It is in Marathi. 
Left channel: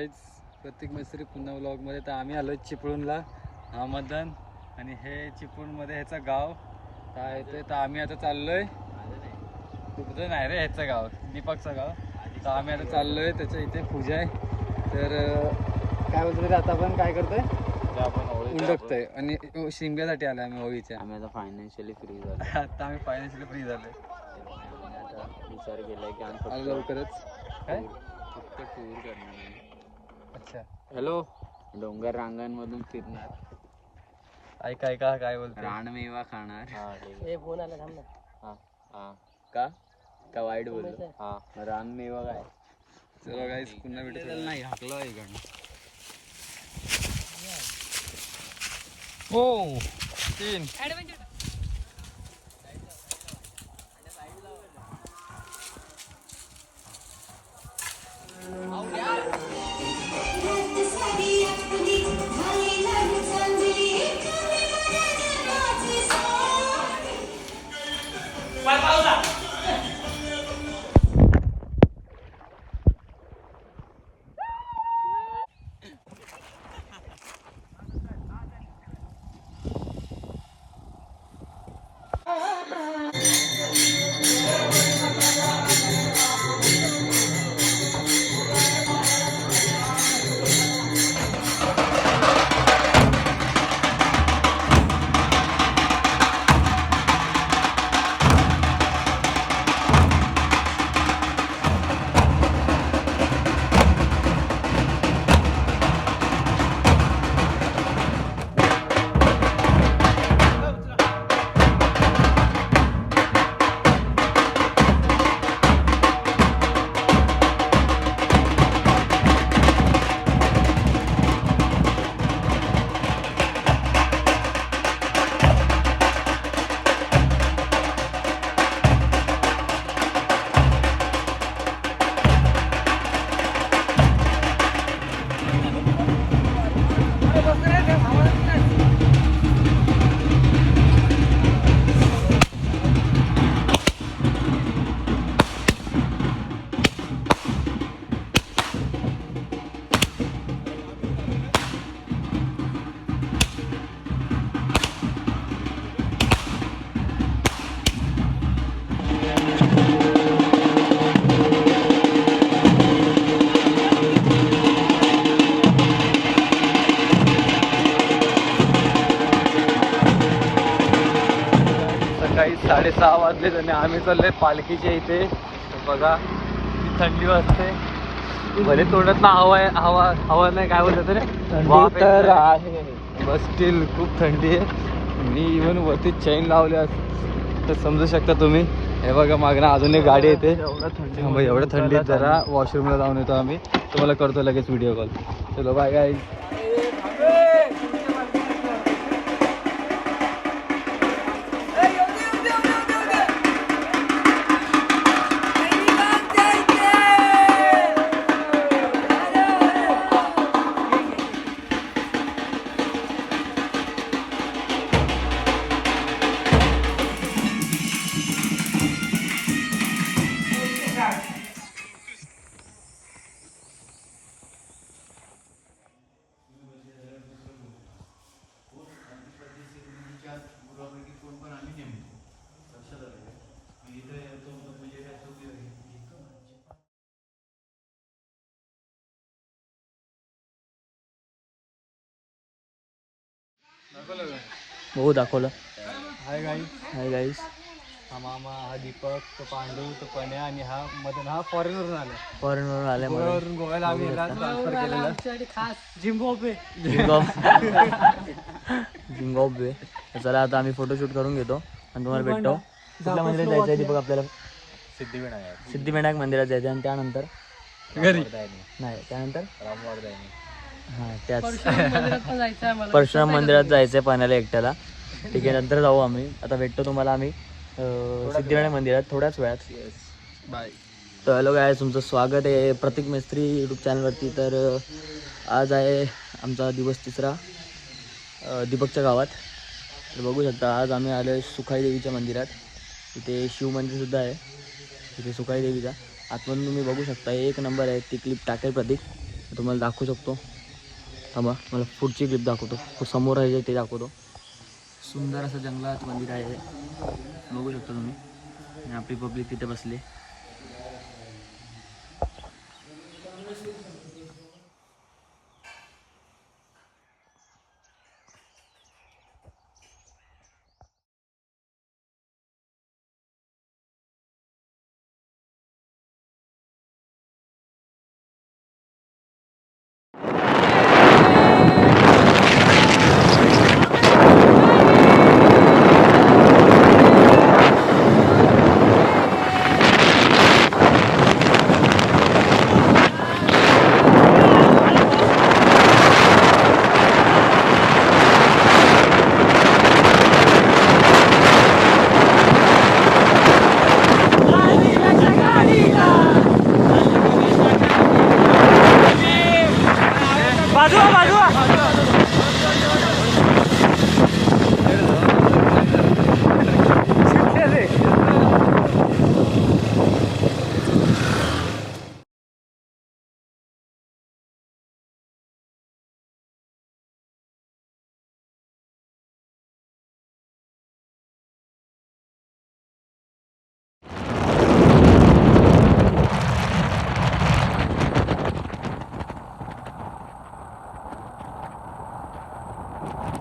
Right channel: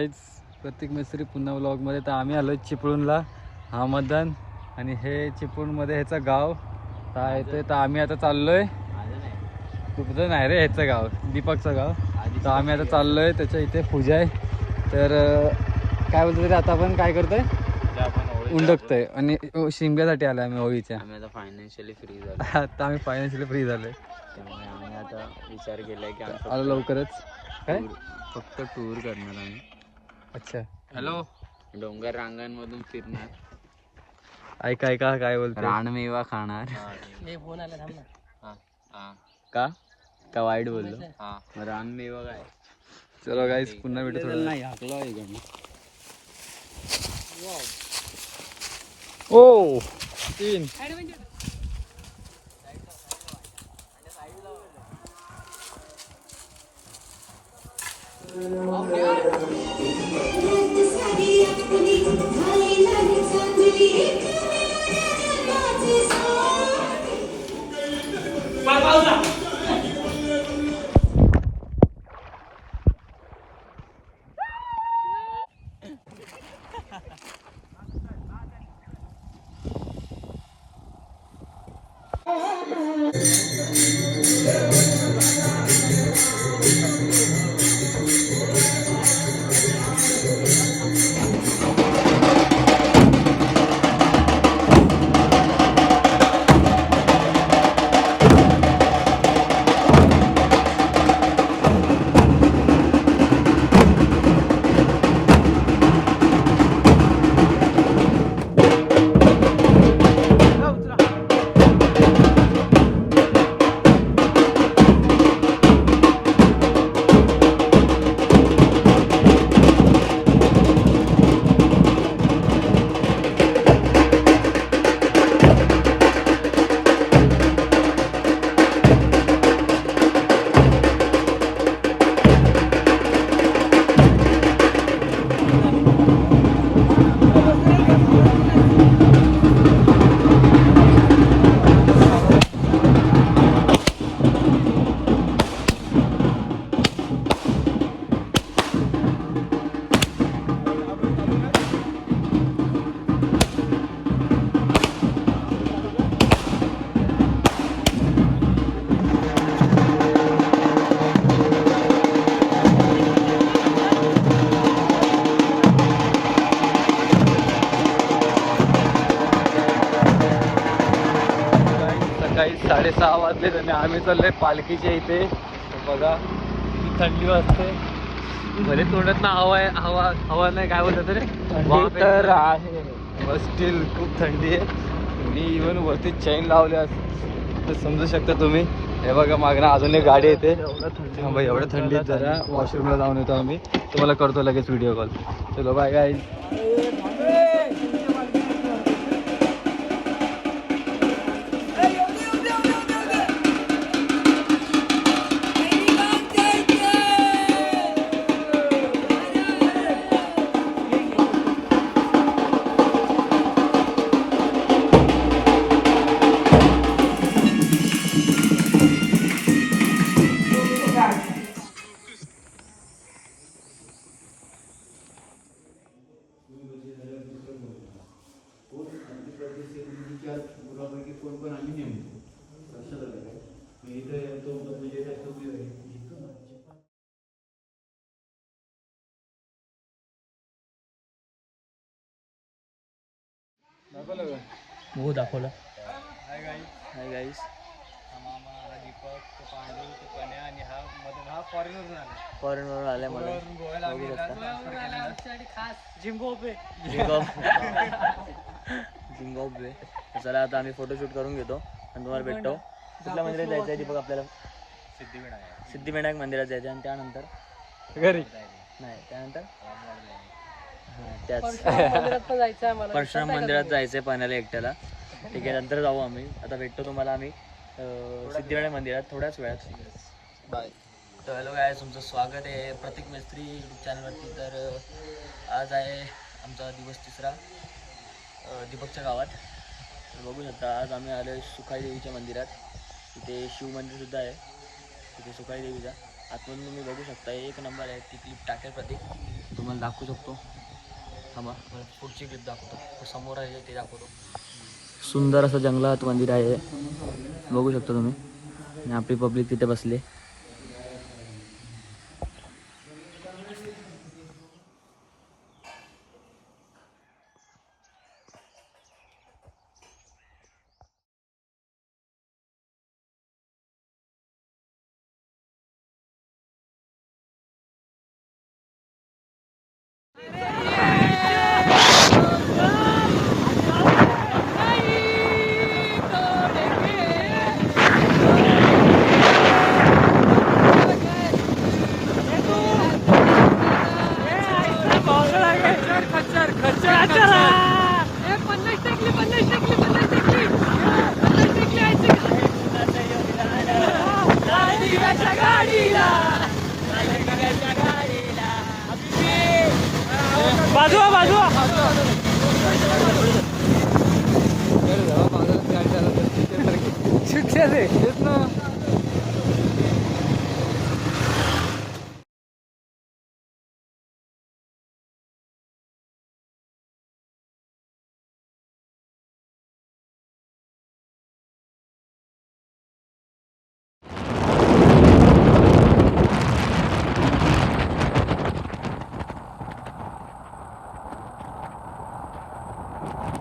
गाईज, प्रतीक मिस्त्री पुन्हा व्लॉगमध्ये. तर आम्ही आलो चिपळूणला, हा मतदान आणि हे चिपळूणमध्ये ह्याचं गाव काय येते. तर आम्ही आता चाललोय, तुझं नाही रे, ह्याचं गाव दीपकचं गाव. तर आम्ही आता चाललोय, त्याच्या इथे पूजा आहे. तर काय बोलतो तरी आता आपण काय करतोय, उंडकतोय आणि शिमग्यासाठी आलोय आम्ही होळीच्या. आम्ही आता फायनान्शियली फ्री झालो. आता आम्ही फायनान्शियली फ्री झालोय. आम्ही आता विचार केलाय की आम्ही आलो लवकरच. काय फक्त टूर करणार आम्ही. अच्छा, हॅलो. डोंगर रांगांमधून फिरणार, ऐका ऐका काय बोलतो, रानमेवा खाणार. का का वाईट बोललो? मग रानमेवा काय. चलो गाईस, पुन्हा भेटू थोडं. नाही हाकला इकडनं. ओ 3 सकाळी 6:30 वाजले आणि आम्ही चाललोय पालखीच्या इथे. बघा किती थंडी वाजते, भले तोंडात ना हवा नाही, काय बोलतात रे, वाफ येते. स्टील खूप थंडी आहे. मी इव्हन वरती चैन लावले तर समजू शकता तुम्ही. हे बघा मागणं अजून एक गाडी येते. एवढ्या थंडीत जरा वॉशरूमला जाऊन येतो आम्ही, तुम्हाला करतो लगेच व्हिडिओ कॉल. चलो बाय गाईज. हो दाखवलं. Hi guys. Hi guys. हा मामा, हा दीपक, तो पांडू, तो पण्या आणि हा मदन. हा फॉरेनवरून आला, फॉरेनवरून आले. गोव्यावरून. गोव्याला आम्ही याला ट्रान्सफर केलेलं. झिम्बाब्वे. चला आता आम्ही फोटोशूट करून घेतो आणि तुम्हाला भेटतो. कुठल्या मंदिरात जायचं आहे दीपक आपल्याला? सिद्धिविनायक मंदिरात जायचं आणि त्यानंतर घरी नाही, त्यानंतर हां त्याच परशुराम परशुराम मंदिरात जायचं आहे पाण्याला एकट्याला. ठीक आहे, नंतर जाऊ आम्ही. आता भेटतो तुम्हाला आम्ही सिद्धिविनायक मंदिरात थोड्याच वेळात. बाय. तर हॅलो गाय, तुमचं स्वागत आहे प्रतीक मिस्त्री यूट्यूब चॅनलवरती. तर आज आहे आमचा दिवस 3रा दीपकच्या गावात. तर बघू शकता आज आम्ही आलो आहे सुखाई देवीच्या मंदिरात. तिथे शिवमंदिरसुद्धा आहे तिथे सुखाई देवीचा. आतमधून तुम्ही बघू शकता, एक नंबर आहे. ती क्लिप टाकेल प्रतीक. तुम्हाला दाखवू शकतो. थांबा मला पुढची क्लिप दाखवतो. समोर आहे ते दाखवतो. सुंदर असं जंगलात मंदिर आहे, बघू शकता तुम्ही. आणि आपली पब्लिक तिथे बसली. बाजूला बाजूला